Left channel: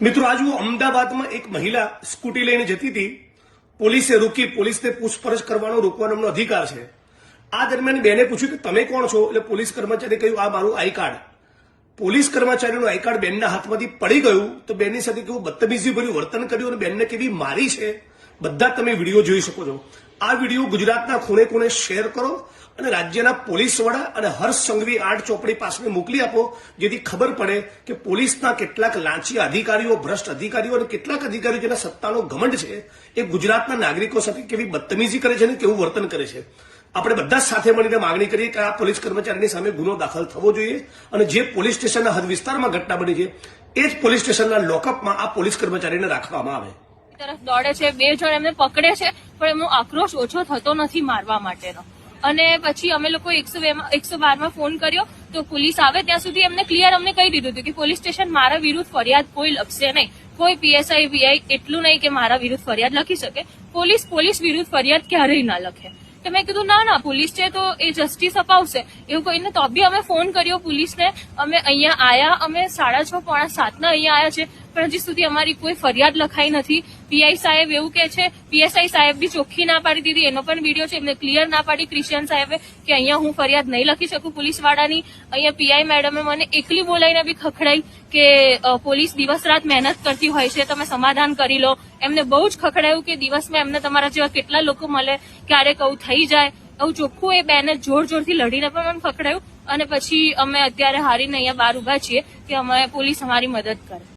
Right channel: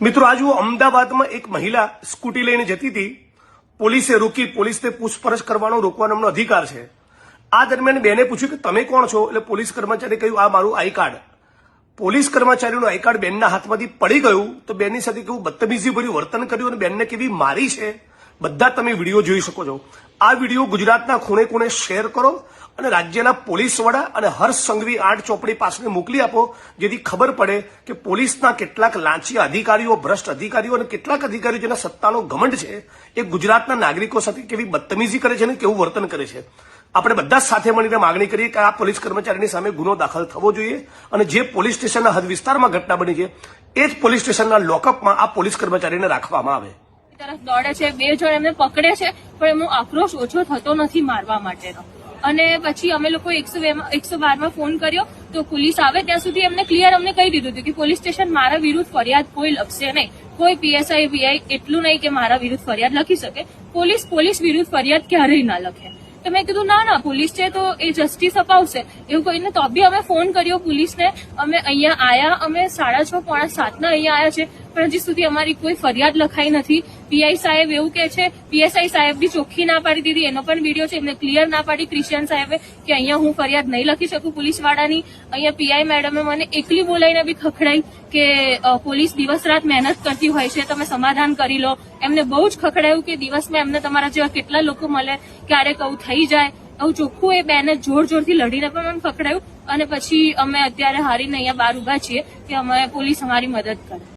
મિત્રો આજ અમદાવાદમાં એક મહિલા સ્કૂટી લઈને જતી હતી, પોલીસે રોકી, પોલીસને પૂછપરછ કરવાનો રોકવાનો એમનો અધિકાર છે। આ દરમિયાન બેને પૂછ્યું કે તમે કોણ છો, એટલે પોલીસ કર્મચારીએ કહ્યું આ મારું આઈ કાર્ડ। પોલીસ કર્મચારીનું આઈ કાર્ડ બેનના હાથમાંથી પડી ગયું તો બેનની સાથે કેવું બદતમીજી ભર્યું વર્તન કર્યું અને બેનને કેવી મારી છે, બધા તમે વિડીયો જોઈ શકો છો। આ વિડીયો ગુજરાતના ખૂણે ખૂણે શેર કરો અને રાજ્યના પોલીસ વડા અને હર્ષ સંઘવી આર્ટ ચોપડી પાસે મોકલી આપો, જેથી ખબર પડે કે પોલીસના કેટલાક લાંચી અધિકારીઓ, ભ્રષ્ટ અધિકારીઓ અને કેટલાક અધિકારીઓ જેના સત્તાનો ઘમંડ છે એ ગુજરાતના નાગરિકો સાથે કેવી બદતમીજી કરે છે અને કેવું વર્તન કરે છે। આપણે બધા સાથે મળીને માંગણી કરીએ કે આ પોલીસ કર્મચારીની સામે ગુનો દાખલ થવો જોઈએ અને જે પોલીસ સ્ટેશનના હદ વિસ્તારમાં ઘટના બની છે એ જ પોલીસ સ્ટેશનના લોકઅપમાં આ પોલીસ કર્મચારીને રાખવામાં આવે। તરફ દોડે છે, 2 જણ એમને પકડે છે, પણ એમનો આક્રોશ ઓછો થતો નથી મારવા માટેનો। અને પછી અમે લોકો 112માં ફોન કર્યો તો પોલીસ આવે ત્યાં સુધી એમને ક્લિયર અમને કહી દીધું હતું કે પોલીસ સ્ટેશન મારા વિરુદ્ધ ફરિયાદ કોઈ લખશે નહીં, કોઈ પીએસઆઈ વીઆઈ એટલું નહીં કે મારા વિરુદ્ધ ફરિયાદ લખી શકે, પોલીસ વિરુદ્ધ ફરિયાદ ક્યારેય ના લખે। તો મેં કીધું ના પોલીસ છે તો એ જસ્ટિસ અપાવશે એવું કહીને તો બી અમે ફોન કર્યો પોલીસને। અમે અહીંયા આયા, અમે 6:30 પોણા 7 અહીંયા આયા છે, પણ હજી સુધી અમારી કોઈ ફરિયાદ લખાઈ નથી। પીઆઈ સાહેબ એવું કે છે, પીએસઆઈ સાહેબ બી ચોખ્ખી ના પાડી દીધી, એનો પણ વિડીયો છે, એમને ક્લિયર ના પાડી ક્રિશ્ચિયન સાહેબે કે અહીંયા હું ફરિયાદ નહીં લખી શકું પોલીસ વાળાની। અહીંયા પીઆઈ મેડમે મને એકલી બોલાવીને બી ખખડાઈ કે પોલીસ દિવસ રાત મહેનત કરતી હોય છે, તમે સમાધાન કરી લો। એમને બહુ જ ખખડાયું કે દિવસમાં એમને તમારા જેવા કેટલા લોકો મળે, ક્યારેક આવું થઈ જાય, આવું ચોખ્ખું એ બેને જોરથી લડીને પણ મને ખખડાયું। અને પછી અમે અત્યારે હારીને અહીંયા બહાર ઉભા છીએ કે અમે પોલીસ અમારી મદદ કરે।